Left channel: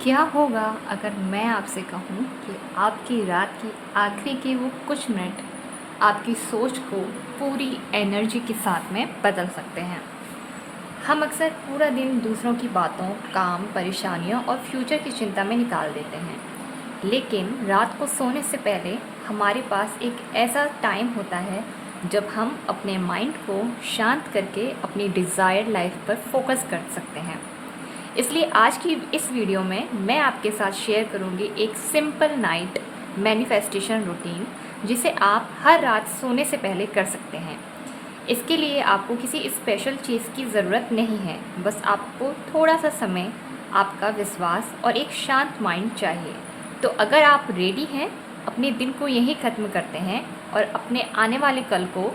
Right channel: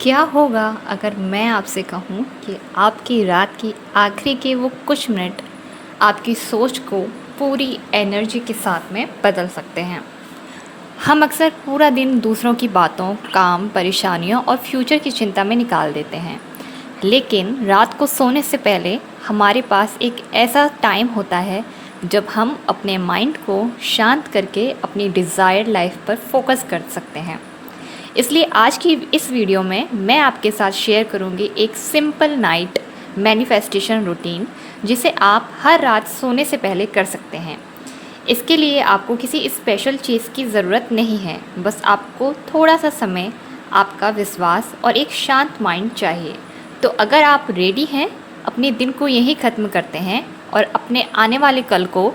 क्या होगा अगर मैं आपसे कहूँ कि आपकी रात की आखिरी के वो कुछ मिनट आपकी सोच को पूरी एनर्जी के साथ में बदल सकते हैं। हम अक्सर पूरा दिन दूसरों की बातों, काम, परेशानियों और फ्यूचर की चिंता में निकाल देते हैं। लेकिन रात को सोने से पहले हमारे पास एक ऐसा टाइम होता है जब हम अपने माइंड को शांत करके अपनी डिज़ायर्ड लाइफ पर फोकस कर सकते हैं। इसलिए आज की इस वीडियो में मैं आपके साथ शेयर करूंगी एक सिंपल नाइट मैनिफेस्टेशन रूटीन जिसे आप हर रात सोने से पहले कर सकते हैं। इसके लिए आपको किसी स्पेशल चीज़ की ज़रूरत नहीं है, बस आपको थोड़ा सा समय, आपका विश्वास और एक शांत माइंड चाहिए। तो अगर आप रेडी हैं, अपने दिन को यहीं ख़त्म करते हैं और अपने आने वाले कल को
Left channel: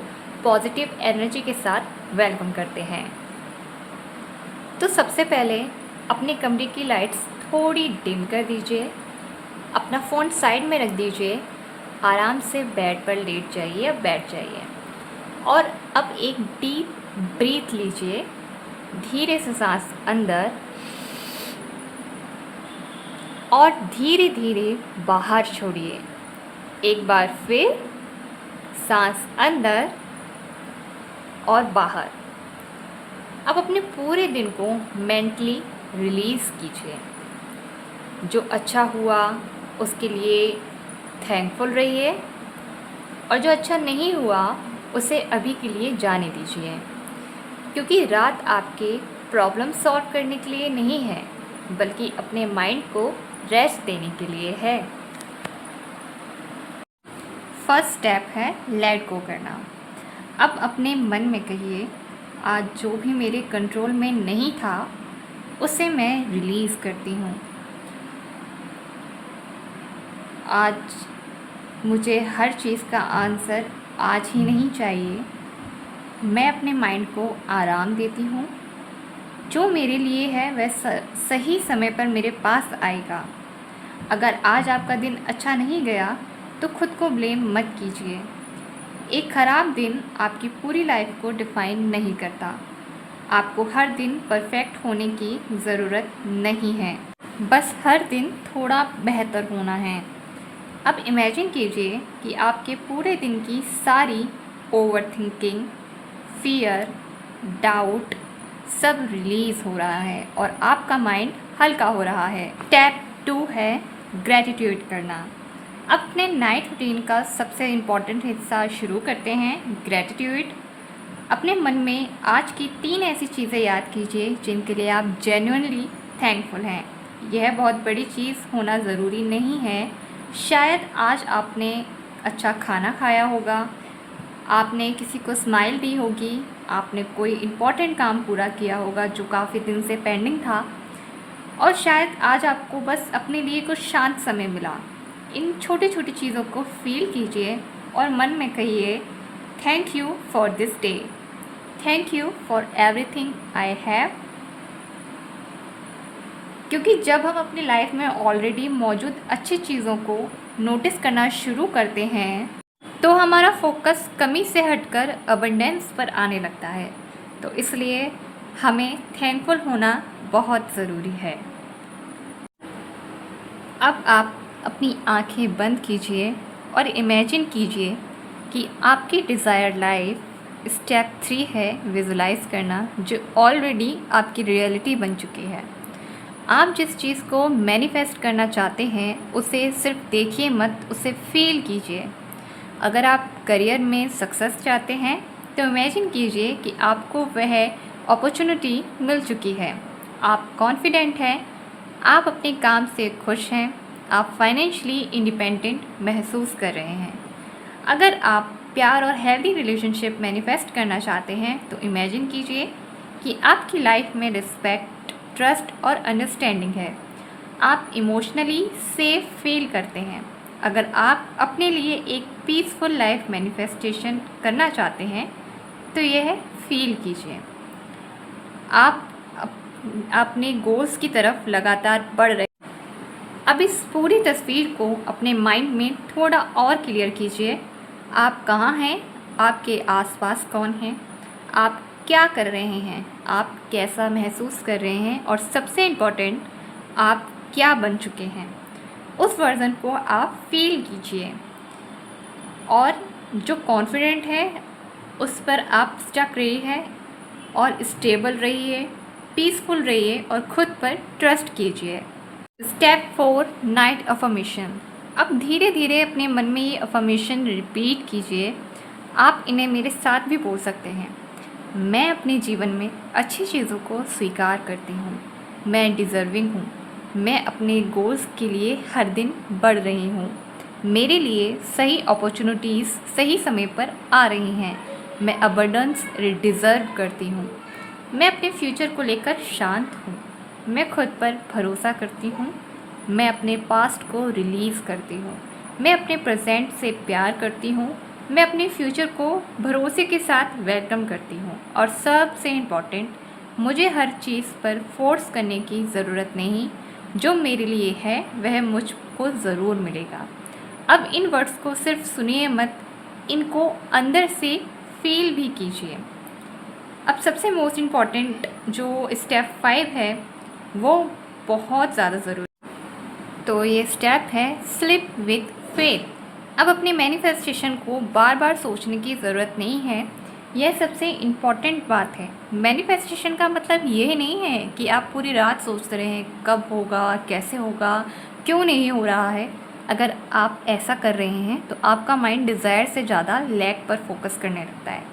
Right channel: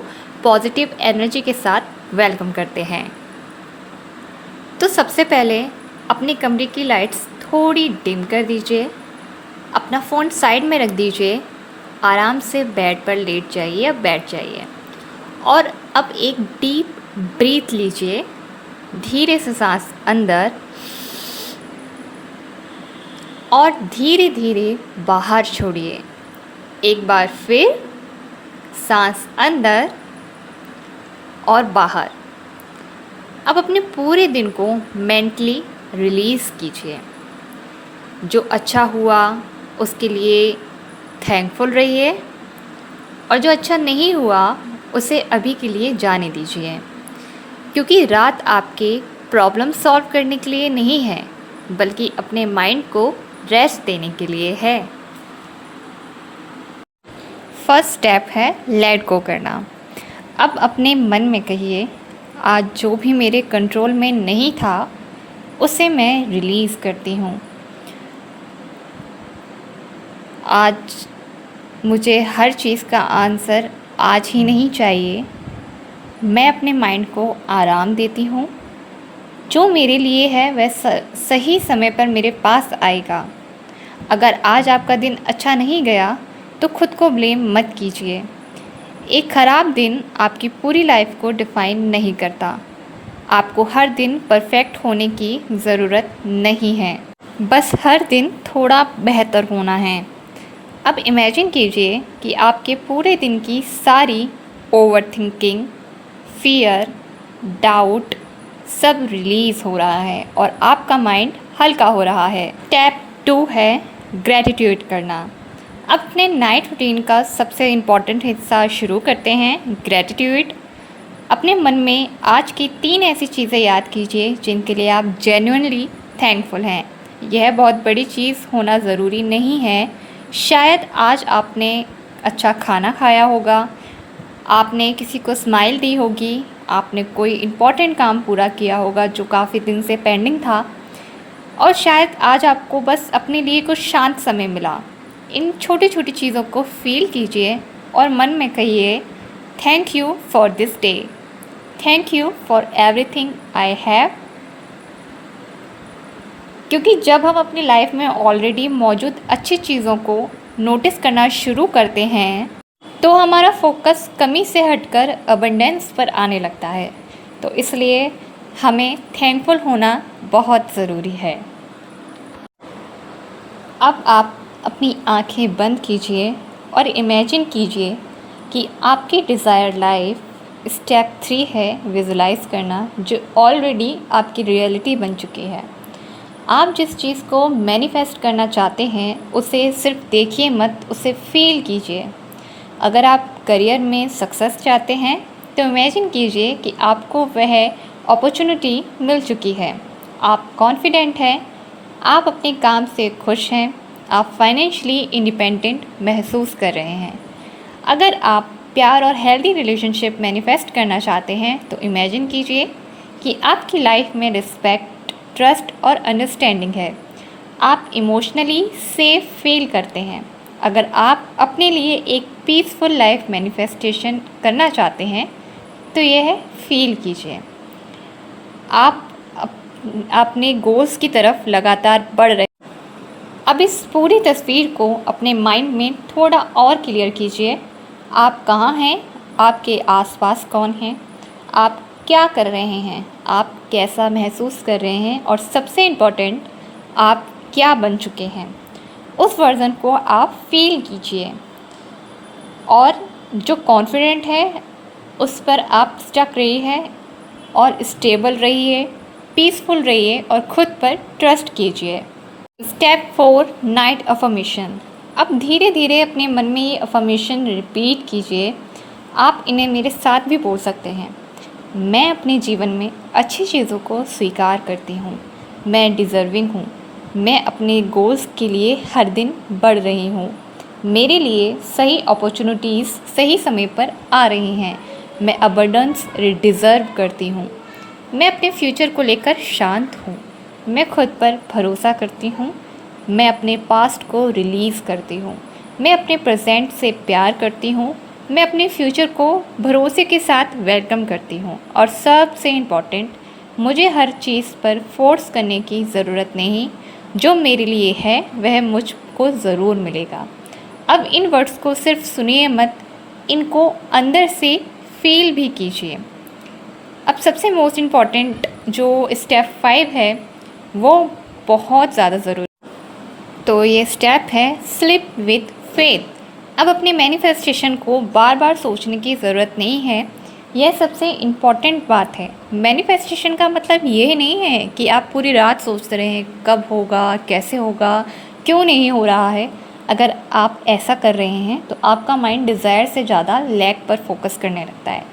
पॉजिटिव एनर्जी के साथ वेलकम करते हैं। तो सबसे पहले अपने कमरे की लाइट्स थोड़ी डिम कर दीजिए, अपना फ़ोन साइड में रख दीजिए, आराम से बेड पर लेट जाइए या बैठ जाइए और अब एक डीप ब्रीथ लीजिए। धीरे से सांस अंदर और धीरे धीरे बाहर छोड़िए। एक बार फिर सांस अंदर और बाहर। अब अपने पूरे दिन को मेंटली रिलीज़ कीजिए। जो अच्छा हुआ उसके लिए थैंकफुल रहिए और जो अच्छा नहीं हुआ उसे अभी के लिए जाने दीजिए, क्योंकि रात आपके प्रॉब्लम सॉल्व करने के लिए नहीं है, बल्कि अपने माइंड को रेस्ट देने के लिए है। फर्स्ट स्टेप है लेट गो करना। अब अपने मन में कहिए, आज जो भी मेरे कंट्रोल में नहीं था उसे मैं रिलीज़ करती हूँ। आज मुझे हर चीज़ का आंसर आज ही नहीं चाहिए। मैं अपने माइंड को आराम देती हूँ। जो मेरे लिए है वह सही समय पर मेरे पास आएगा। अगर आज आपका दिन अच्छा नहीं गया तो खुद को ब्लेम मत कीजिए। एक ख़राब दिन आपकी पूरी लाइफ को डिफ़ाइन नहीं करता। आपको हर दिन परफेक्ट होने की ज़रूरत नहीं है, बस हर दिन थोड़ा बेहतर होना है। अब इमेजिन कीजिए कि आपके पूरे दिन की सारी ओवरथिंकिंग, फियर, डाउट सब रिलीज़ हो रहा है और आपका माइंड हल्का हो रहा है। स्टेप 2 है ग्रैटिट्यूड करना। अपने नाइट रूटीन का सबसे इम्पॉर्टेंट हिस्सा शुरू करते हैं, ग्रैटिट्यूड। अपने मन में आज की 3 ऐसी चीज़ें याद कीजिए जिनके लिए आप जेन्युइनली थैंकफुल हैं। यह बहुत बड़ी चीज़ होना ज़रूरी नहीं है। शायद आज आपने अच्छा खाना खाया होगा, आपने किसी को स्माइल दी होगी, आपने कोई इम्पॉर्टेंट काम पूरा किया होगा जो काफ़ी दिन से पेंडिंग था, और शायद आज आपको बस अपने लिए कुछ शांत समय मिला। इन छोटी छोटी चीज़ों को फील कीजिए और मन में कहिए, thank you for this day, thank you for everything I have. क्योंकि जब हम अपनी लाइफ में ऑलरेडी मौजूद अच्छी चीज़ों को नोटिस करना शुरू करते हैं तो हमारा फोकस कमी से हटकर अबंडेंस पर आने लगता है। तो इसलिए हमें थैंकफुल होना बहुत ज़रूरी है। अब आप अपनी आंखें बंद कीजिए और इमेजिन कीजिए कि आपकी डिज़ायर्ड लाइफ, स्टेप 3 है विजुलाइज़ करना, जो ऑलरेडी आपकी रियलिटी बन चुकी है। आप जिस चीज़ को मैनिफेस्ट करना चाहते हैं उसे सिर्फ देखिए मत, उसे फील कीजिए। अगर आप करियर में सक्सेस चाहते हैं तो इमेजिन कीजिए कि आपको वह अपॉर्चुनिटी मिल चुकी है। आप कॉन्फिडेंट हैं, आप अपने काम से खुश हैं, आप फाइनेंशियली इंडिपेंडेंट महसूस कर रहे हैं। अगर आप प्यार और हेल्दी रिलेशनशिप मैनिफेस्ट करना चाहते हैं तो इमेजिन कीजिए कि आपकी लाइफ में रिस्पेक्ट, ट्रस्ट और अंडरस्टैंडिंग है। आप इमोशनली सेफ फील करते हैं। अगर आप अपने लिए एक पीसफुल लाइफ मैनिफेस्टेशन करना चाहते हैं तो यह फील कीजिए। आप अपने गोल्स की तरफ लगातार बढ़ रहे। अब इस पूरी तस्वीर को अपने माइंड में थोड़ा और क्लियर कीजिए। आप कहाँ हैं, आपके आसपास कौन हैं, आप क्या कर रहे हैं, आप कैसा महसूस कर रहे हैं और सबसे इम्पोर्टेंट, आप क्या बन चुके हैं, उस वर्ज़न को आप फील कीजिए। और जो कॉन्फिडेंट है उस पर आप स्टक रहिए और स्टेबल रहिए, पीसफुल रहिए और ख़ुद पर ट्रस्ट कीजिए। Step 4, night affirmation. अब धीरे धीरे अपने मन में ये अफर्मेशन रिपीट कीजिए। आप इन्हें मेरे साथ भी बोल सकते हैं। मैं अपने जीवन में अच्छी चीज़ों को स्वीकार करती हूँ। मैं डिज़र्विंग हूँ। मैं अपने गोल्स के लिए हर दिन बढ़ रही हूँ। मेरे लिए सही अपॉर्चुनिटीज़ सही समय पर आ रही हैं। मैं अबंडेंस डिज़र्व करती हूँ। मैं अपने फ्यूचर को लेकर शांत हूँ। मैं खुद पर भरोसा करती हूँ। मैं अपने पास्ट को रिलीज़ करती हूँ। मैं अपने प्रेजेंट से प्यार करती हूँ। मैं अपने फ्यूचर को भरोसे के साथ वेलकम करती हूँ। और सबसे इम्पॉर्टेंट, मुझे हर चीज़ पर फोर्स करने की ज़रूरत नहीं। जो मेरे लिए है वह मुझको ज़रूर मिलेगा। अब इन वर्ड्स को सिर्फ सुनिए मत, इनको अंदर से फील भी कीजिए। अब सबसे मोस्ट इम्पॉर्टेंट जो स्टेप 5 है वो बहुत ज़्यादा ज़रूरी। तो ये स्टेप है स्लिप विद फेथ। अब अपने मैनिफेस्टेशन को बार बार सोचने की ज़रूरत नहीं है। यह सबसे इम्पॉर्टेंट बात है। मैनिफेस्टेशन का मतलब ये नहीं है कि आप पूरी रात सोचते रहें कब होगा, कैसे होगा, क्यों नहीं हो रहा है। अगर आप ऐसा कर रहे हैं तो आपका माइंड डिज़ायर से ज़्यादा लैक पर फोकस करने लगता है।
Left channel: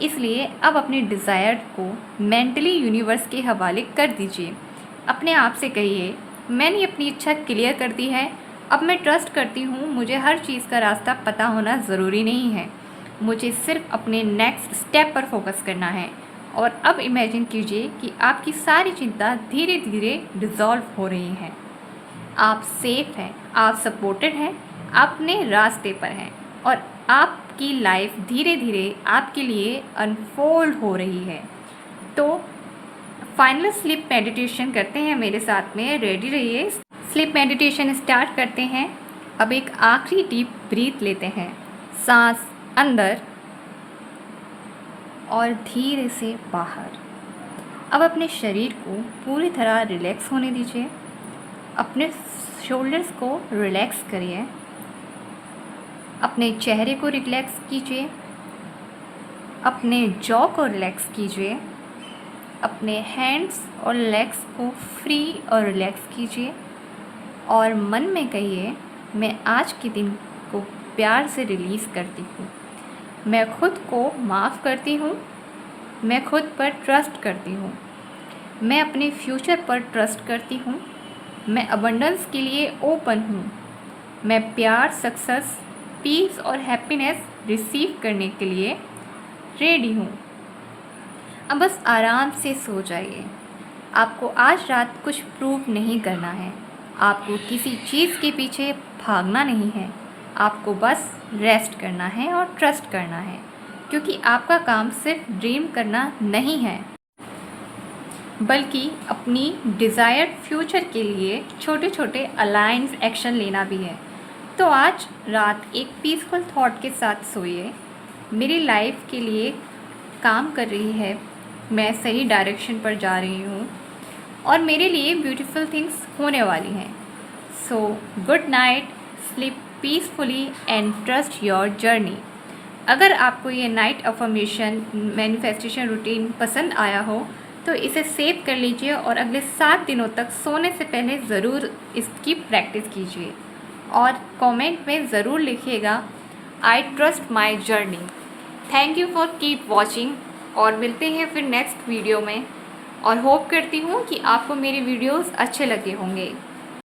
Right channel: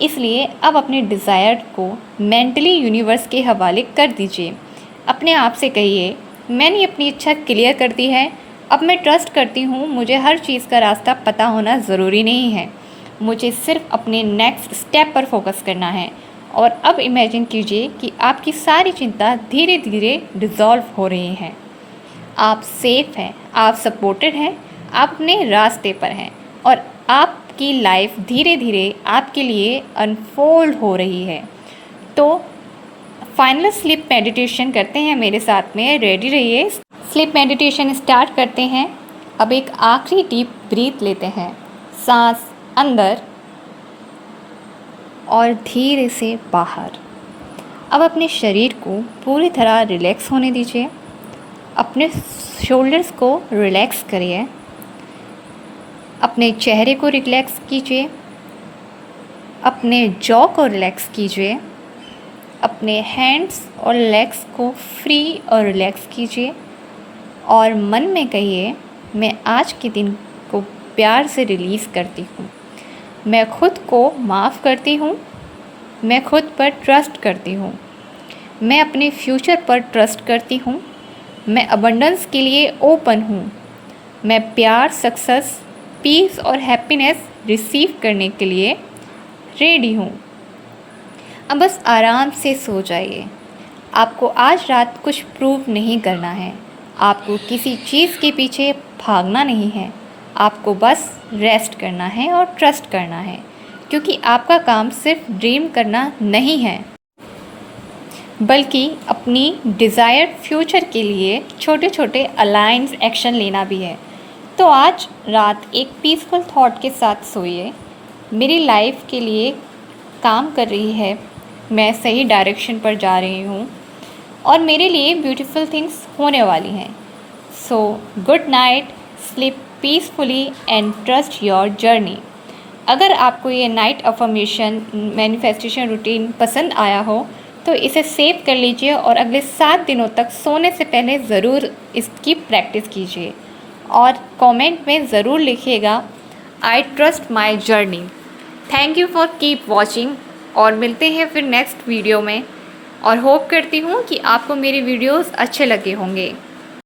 इसलिए अब अपने डिज़ायर को मेंटली यूनिवर्स के हवाले कर दीजिए। अपने आप से कहिए, मैंने अपनी इच्छा क्लियर कर दी है। अब मैं ट्रस्ट करती हूँ। मुझे हर चीज़ का रास्ता पता होना ज़रूरी नहीं है। मुझे सिर्फ अपने नेक्स्ट स्टेप पर फोकस करना है। और अब इमेजिन कीजिए कि आपकी सारी चिंता धीरे धीरे डिज़ॉल्व हो रही है। आप सेफ हैं, आप सपोर्टेड हैं, आप अपने रास्ते पर हैं और आपकी लाइफ धीरे धीरे आपके लिए अनफोल्ड हो रही है। तो फाइनल स्लीप मेडिटेशन करते हैं मेरे साथ में। रेडी रहिए। स्लीप मेडिटेशन स्टार्ट करते हैं। अब एक आखिरी डीप ब्रीथ लेते हैं, सांस अंदर और धीरे से बाहर। अब अपने शरीर को पूरी तरह रिलैक्स होने दीजिए। अपने शोल्डर्स को रिलैक्स करिए। अपने चेहरे को रिलैक्स कीजिए। अपने जॉ को रिलैक्स कीजिए। अपने हैंड्स और लेग्स को फ्री और रिलैक्स कीजिए और मन में कहिए, मैं आज के दिन को प्यार से रिलीज़ करती हूँ। मैं खुद को माफ़ करती हूँ। मैं खुद पर ट्रस्ट करती हूँ। मैं अपने फ्यूचर पर ट्रस्ट करती हूँ। मैं अबंडेंस के लिए ओपन हूँ। मैं प्यार, सक्सेस, पीस और हैप्पीनेस रिसीव करने के लिए रेडी हूँ। अब बस आराम से सो जाइए। आपको आज रात कुछ प्रूव नहीं करना है। आपको किसी चीज़ के पीछे भागना नहीं है। आपको बस रेस्ट करना है और ट्रस्ट करना है, क्योंकि आपका काम सिर्फ ड्रीम करना नहीं है, बल्कि अपनी डिज़ायर्ड फ्यूचर के लिए छोटे छोटे अलाइंस एक्शन लेना भी है। तो आज रात एक पीसफुल थॉट के साथ सोइए। मेरी लाइफ के लिए काम कर रही है, मैं सही डायरेक्शन पर जा रही हूँ और मेरे लिए ब्यूटीफुल थिंग्स होने वाली हैं। So good night, sleep peacefully and trust your journey. अगर आपको ये नाइट अफर्मेशन मैनिफेस्टेशन रूटीन पसंद आया हो तो इसे सेव कर लीजिए और अगले 7 दिनों तक सोने से पहले ज़रूर इसकी प्रैक्टिस कीजिए और कमेंट में ज़रूर लिखिएगा, I trust my journey. Thank you for keep watching और मिलते हैं फिर नेक्स्ट वीडियो में और होप करती हूँ कि आपको मेरे वीडियोस अच्छे लगे होंगे।